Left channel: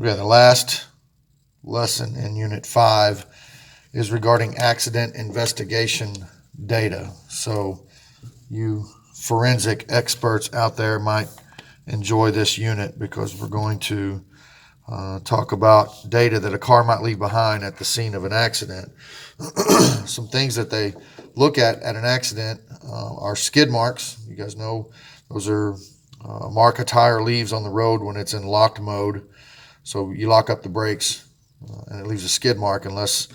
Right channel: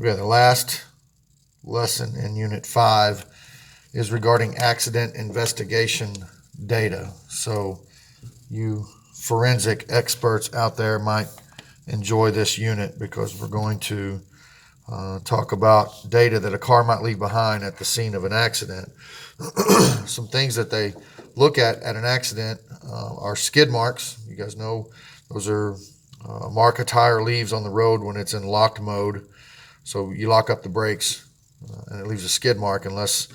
Okay, the last lesson in Unit 5 is regarding accident investigation data. So you forensic experts out there might enjoy this unit because we're going to talk about data that a car might leave behind at the scene of an accident. Some things that they look at an accident are skid marks. You guys know those are a mark a tire leaves on the road when it's in locked mode. So you lock up the brakes and it leaves a skid mark unless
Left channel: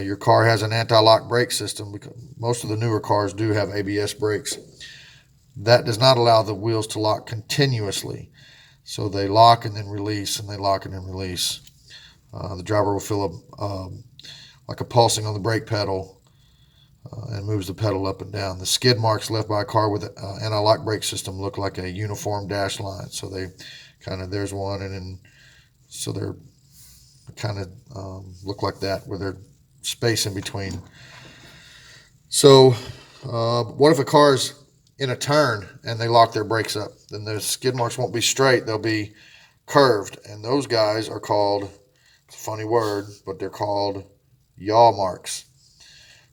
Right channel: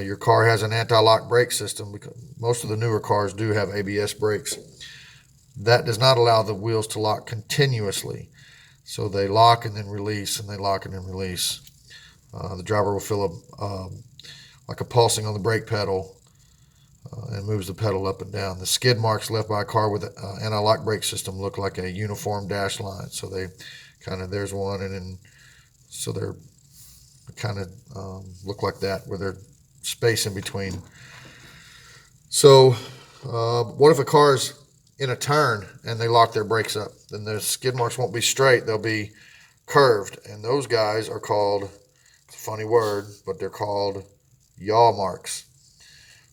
your car has an anti-lock brake system, because most of the newer cars do have ABS brakes. That does not allow the wheels to lock continuously. So they lock and then release, and they lock and then release. The driver will feel like a pulsing on the brake pedal and moves the pedal up and down. The skid marks left by a car with an anti-lock brake system look like a uniform dashed line. So they kind of, there's one, and then so they're kind of look like that, where there's space in between. So what if a car's in a turn and they lock their brakes up? Then the skid marks won't be straight, they'll be curved, and those guys are called, it's a funny word, but they're called yaw marks.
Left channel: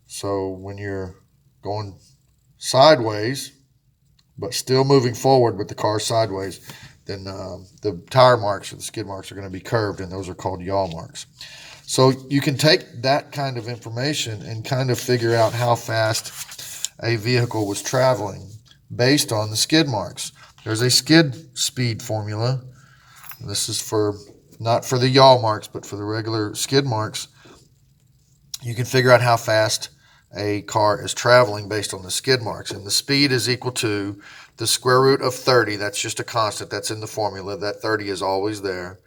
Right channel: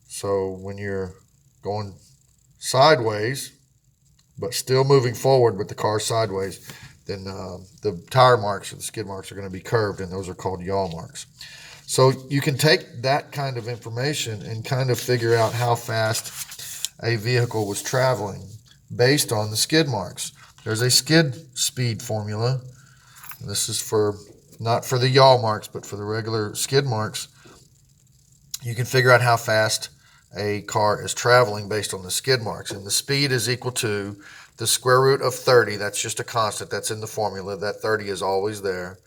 So when you're going sideways but still moving forward with the car sideways, then the tire marks or the skid marks are going to be curved, and those are called yaw marks. So you can take that kind of information and kind of figure out how fast a vehicle was traveling based on the skid marks. There's a skid speed formula. This is for not for the yaw marks, but for the regular skid marks. You can figure out how fast a car is traveling based on the skid marks, and the speed is equal to the square root of 30. That's just a constant. That's in the formula. That 30 is always there.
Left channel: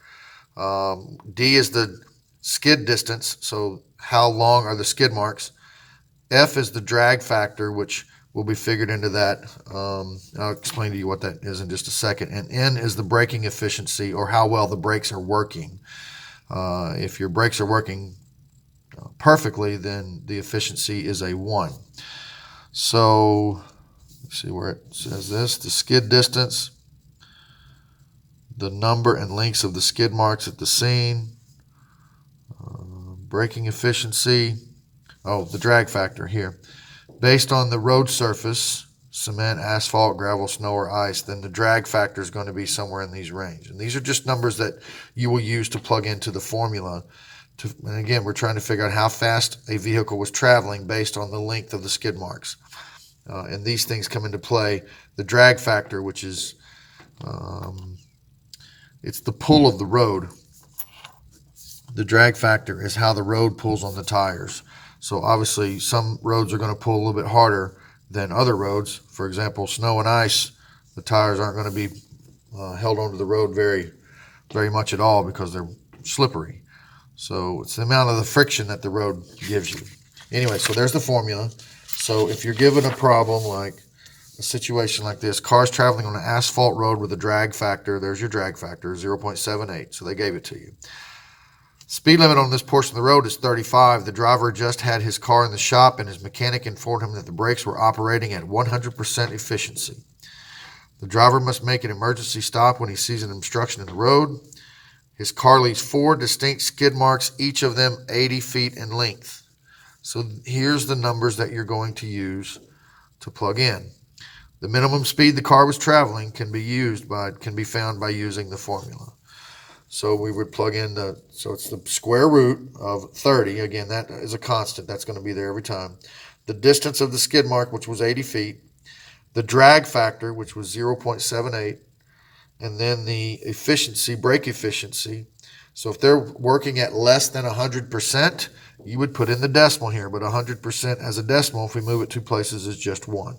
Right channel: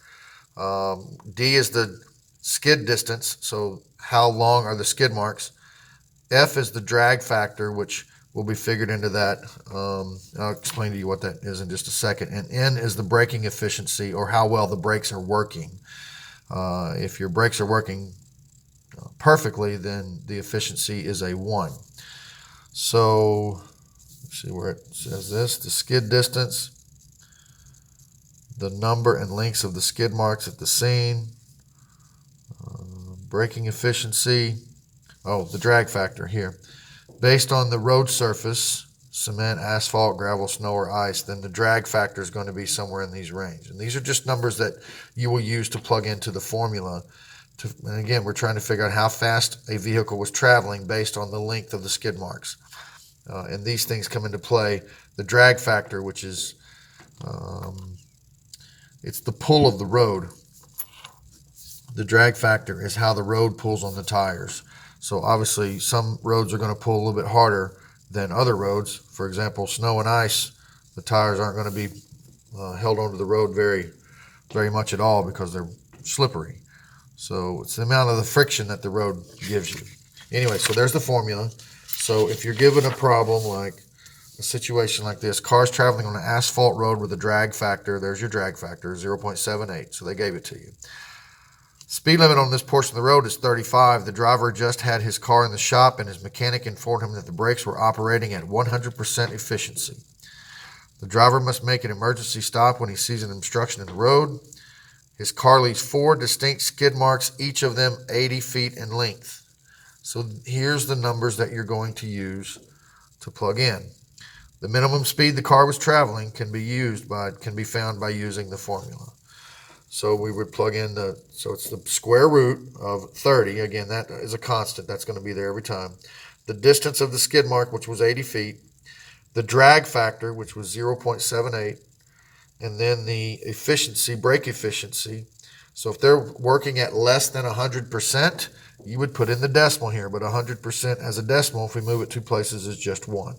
D is the skid distance, so how long are the skid marks. F is the drag factor, which will be figured into that. I'll explain to you what that is in just a second. And N is the braking efficiency, or how well the brakes are working. If your brakes are working perfectly, then the efficiency is a 1. So let's see where it says this. The skid distance, the number and lengths of the skid marks at the scene, braking efficiency, the drag factor here. Based on the road surface, cement, asphalt, gravel, snow, or ice, then the drag factor is going to be somewhere in these range. And these are just numbers that you will use to plug into the formula. And again, we're trying to figure out how fast a vehicle was traveling based on the length of the skid marks. And these things come into play. The drag factor, which is it's the pull of the road. The drag factor is how the road pulls on the tires. So obviously some roads are going to pull a little bit harder than other roads. For example, snow and ice, the tires aren't going to be held onto the road very, very much at all because they're slippery. So it's the amount of the friction that the road gives you. Anyway, so there's the formula. So if you're given a problem like a situation like this, cars traveling on an asphalt road with a drag factor, there's your drag factor, 0.78. So they gave it to you. Speed limit on this portion of the road is 35. The driver just had his car in the shop, and his mechanic informed him that the brakes were operating at 100% efficiency. The driver must make an emergency stop when he sees an obstruction in the road. His car leaves 4 distinct skid marks, each of them 80 feet in length. So here's the numbers that you're going to use to plug in. The minimum speed the car was traveling can be found by using the formula. So we would plug in so it's the square root of 30. Again, that is a constant. That's going to be there every time. The distance of the skid mark, which was 80 feet. The drag factor, which was 0.78. And then the efficiency, brake efficiency. So if they're working at less than 100%, you would put in the decimal here. But 100% as a decimal, if we move it 2 places, is just 1.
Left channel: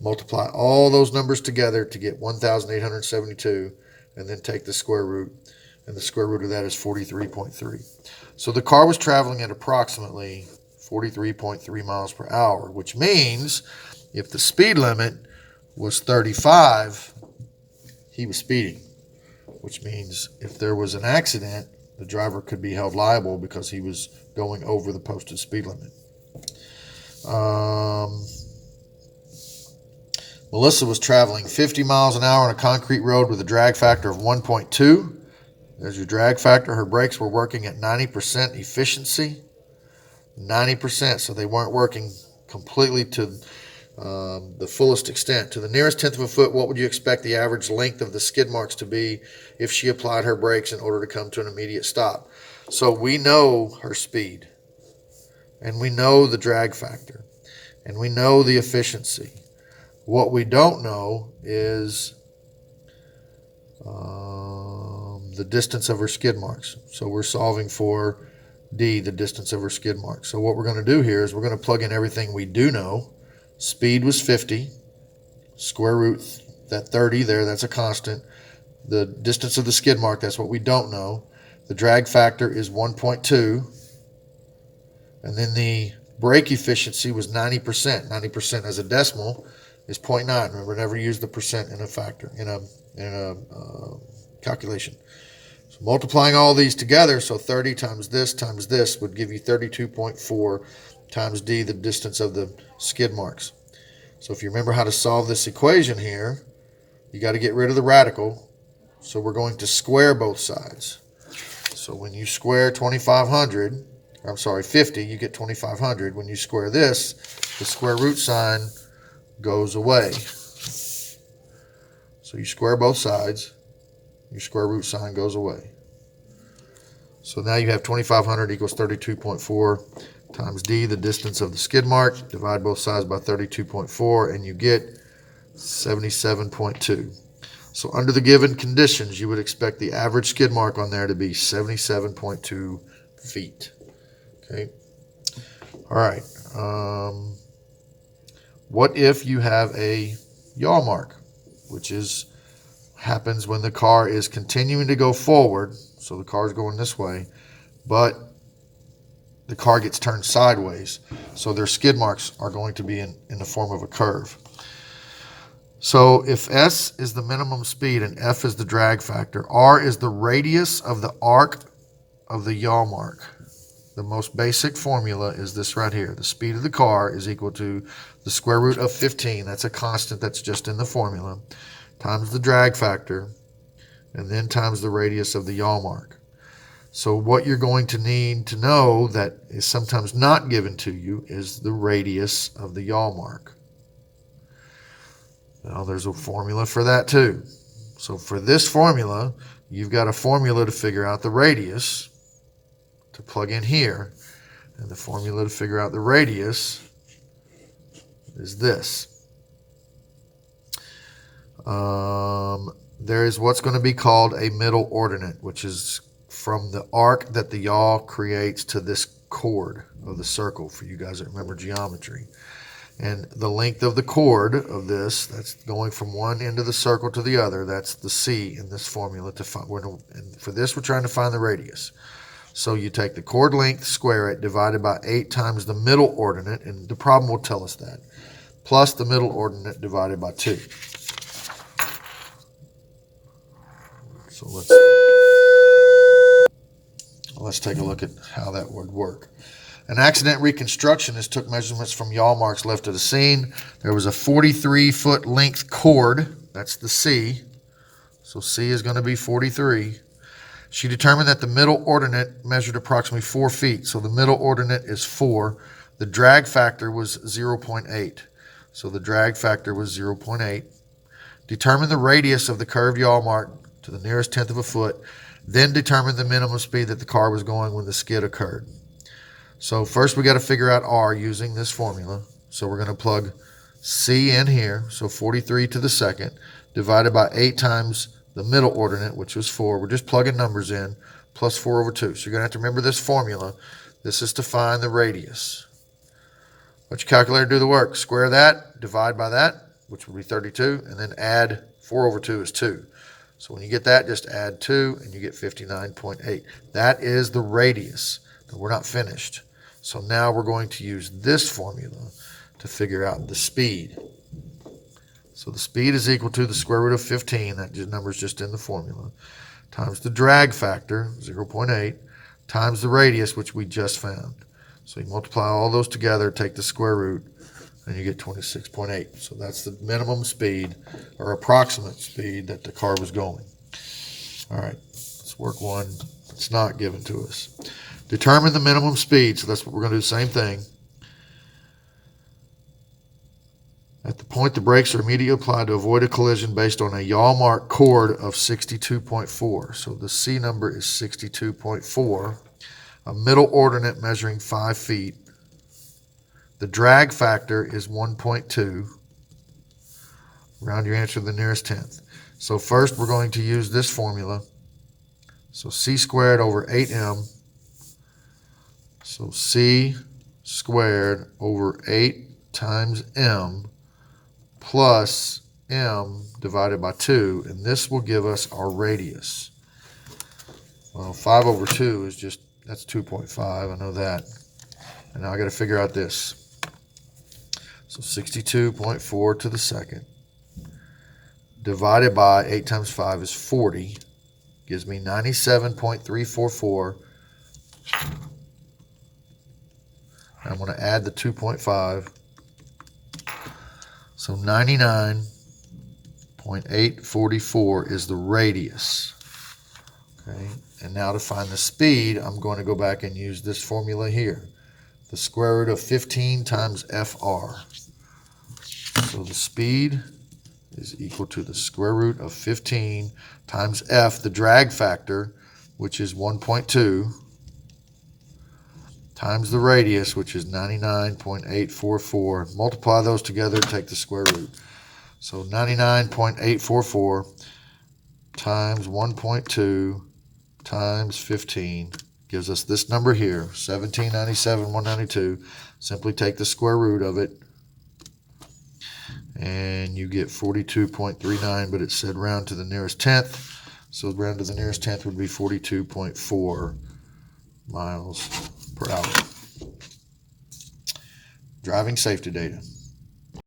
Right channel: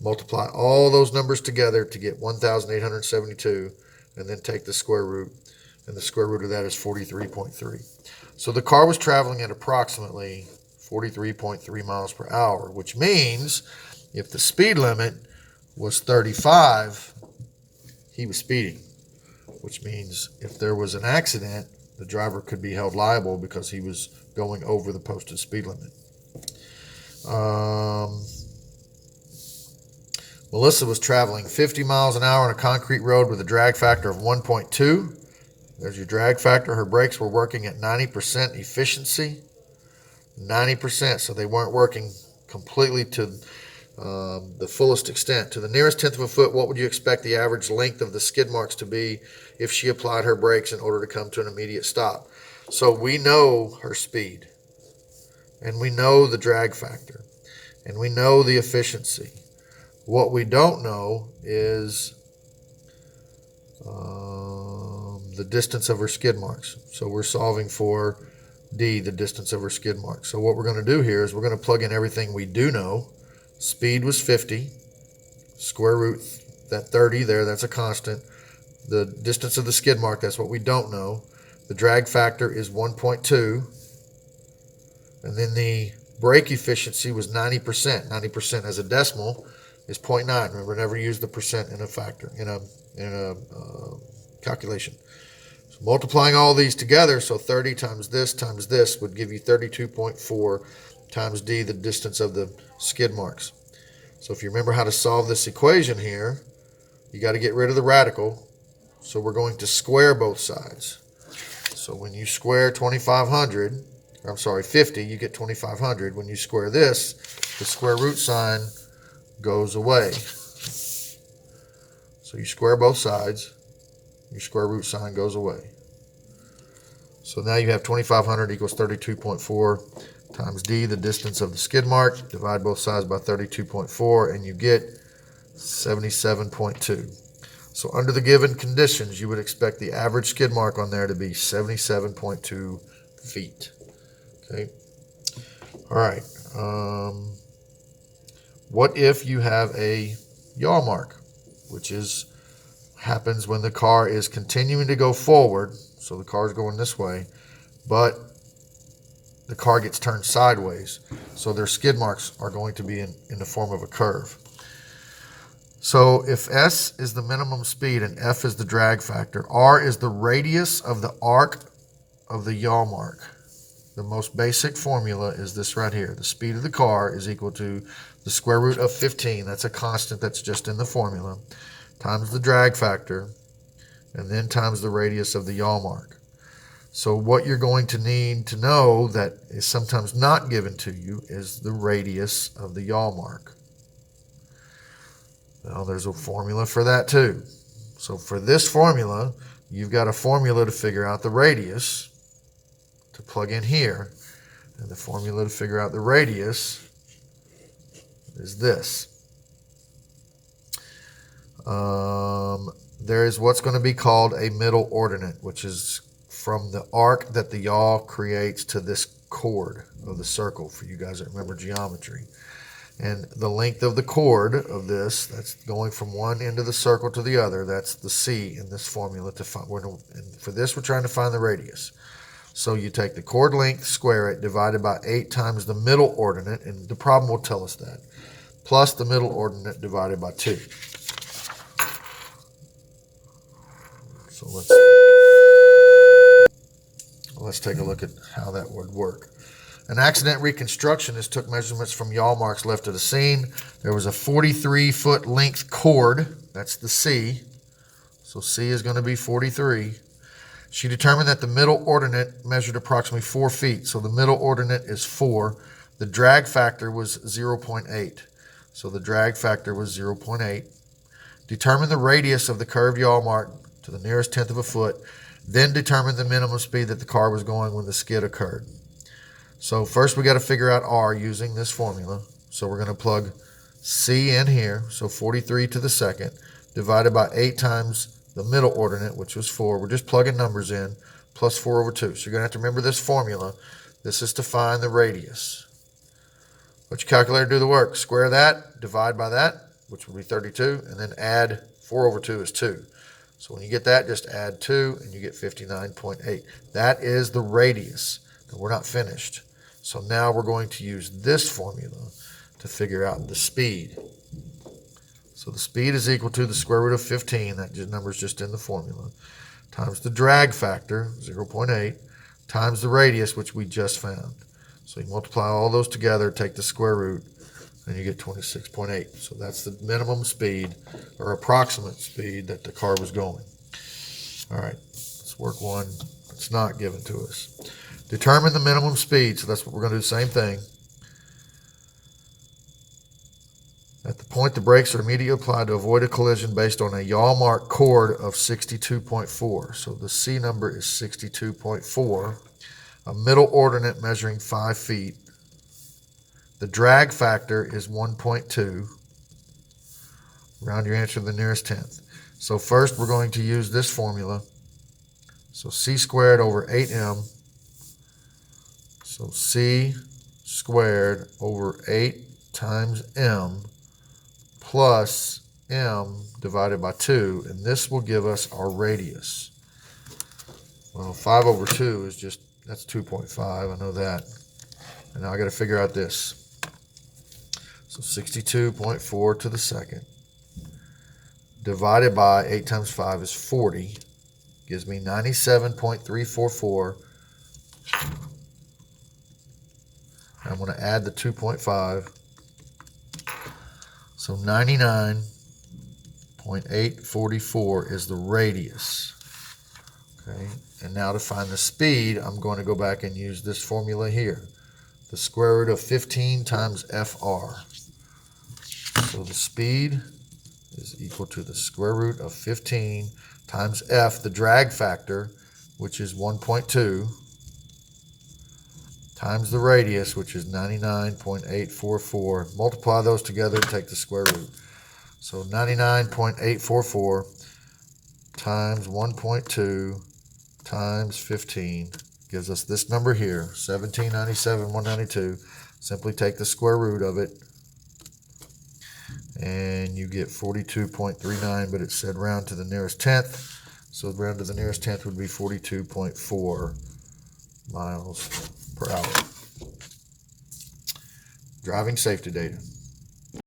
Multiply all those numbers together to get 1,872, and then take the square root. And the square root of that is 43.3. So the car was traveling at approximately 43.3 miles per hour, which means if the speed limit was 35, he was speeding, which means if there was an accident, the driver could be held liable because he was going over the posted speed limit. Melissa was traveling 50 miles an hour on a concrete road with a drag factor of 1.2. There's your drag factor. Her brakes were working at 90% efficiency. 90%, so they weren't working completely to the fullest extent. To the nearest tenth of a foot, what would you expect the average length of the skid marks to be if she applied her brakes in order to come to an immediate stop? So we know her speed, and we know the drag factor, and we know the efficiency. What we don't know is the distance of her skid marks. So we're solving for D, the distance of her skid marks. So what we're going to do here is we're going to plug in everything we do know. Speed was 50, square root that 30 there, that's a constant. The distance of the skid mark, that's what we don't know. The drag factor is 1.2. And then the brake efficiency was 90%. 90% as a decimal is 0.9. Remember, never use the percent in a factor, in a calculation. So multiplying all these together, so 30 times this would give you 32.4 times D, the distance of the skid marks. So if you remember how to solve this equation here, you got to get rid of the radical. So we're going to square both sides. So when you square 50, you get 2,500. When you square this, the square root sign goes away. So you square both sides, your square root sign goes away. So now you have 2,500 equals 32.4 times D, the distance of the skid mark. Divide both sides by 32.4, and you get 77.2. So under the given conditions, you would expect the average skid mark on there to be 77.2 feet. Okay. All right. What if you have a yaw mark, which happens when the car is continuing to go forward, so the car is going this way, but the car gets turned sideways, so their skid marks are going to be in the form of a curve. So if S is the minimum speed and F is the drag factor, R is the radius of the arc of the yaw mark. The most basic formula is this right here. The speed of the car is equal to the square root of 15. That's a constant that's just in the formula, times the drag factor, and then times the radius of the yaw mark. So what you're going to need to know that is sometimes not given to you is the radius of the yaw mark. Now there's a formula for that too. So for this formula, you've got a formula to figure out the radius to plug in here. And the formula to figure out the radius is this. There is what's going to be called a middle ordinate, which is from the arc that the yaw creates to this chord of the circle, for you guys that remember geometry. And the length of the chord of this, that's going from one end of the circle to the other, that's the C in this formula. And for this, we're trying to find the radius. So you take the chord length, square it, divided by 8 times the middle ordinate, and the problem will tell us that, plus the middle ordinate divided by 2. So let's take a look at how that would work. An accident reconstructionist took measurements from yaw marks left at the scene. There was a 43-foot length chord. That's the C. So C is going to be 43. She determined that the middle ordinate measured approximately 4 feet. So the middle ordinate is 4. The drag factor was 0.8. So the drag factor was 0.8. Determine the radius of the curved yaw mark to the nearest tenth of a foot. Then determine the minimum speed that the car was going when the skid occurred. So first we got to figure out R using this formula. So we're going to plug C in here. So 43 to the second divided by 8 times the middle ordinate, which was 4. We're just plugging numbers in, plus 4 over 2. So you're going to have to remember this formula. This is to find the radius. Let your calculator do the work. Square that, divide by that, which would be 32, and then add 4 over 2 is 2. So when you get that, just add 2, and you get 59.8. That is the radius. And we're not finished. So now we're going to use this formula to figure out the speed. So the speed is equal to the square root of 15, that number is just in the formula, times the drag factor, 0.8, times the radius, which we just found. So you multiply all those together, take the square root, and you get 26.8. So that's the minimum speed, or approximate speed, that the car was going. All right, let's Let's work one that's not given to us. Determine the minimum speed. So that's what we're going to do, the same thing. At the point the brakes are immediately applied to avoid a collision based on a yaw mark chord of 62.4. So the C number is 62.4. A middle ordinate measuring 5 feet. The drag factor is 1.2. Round your answer to the nearest tenth. So first we're going to use this formula. So C squared over 8M. So C squared over 8 times M plus M divided by 2. And this will give us our radius. Well, 5 over 2 is just, that's 2.5. I know that. And now I got to figure out this. So 62.4 to the second divided by 8 times 5 is 40. Gives me 97.344. I'm going to add the 2.5. So 99.844 is the radius. Okay. And now to find the speed, I'm going to go back and use this formula here. The square root of 15 times FR. So the speed is equal to the square root of 15 times F, the drag factor, which is 1.2, times the radius, which is 99.844. Multiply those together and take the square root. So 99.844 times 1.2 times 15 gives us this number here, 1797,192. Simply take the square root of it, and you get 42.39, but it said round to the nearest tenth. So round to the nearest tenth would be 42.4 miles per hour. Driving safety data.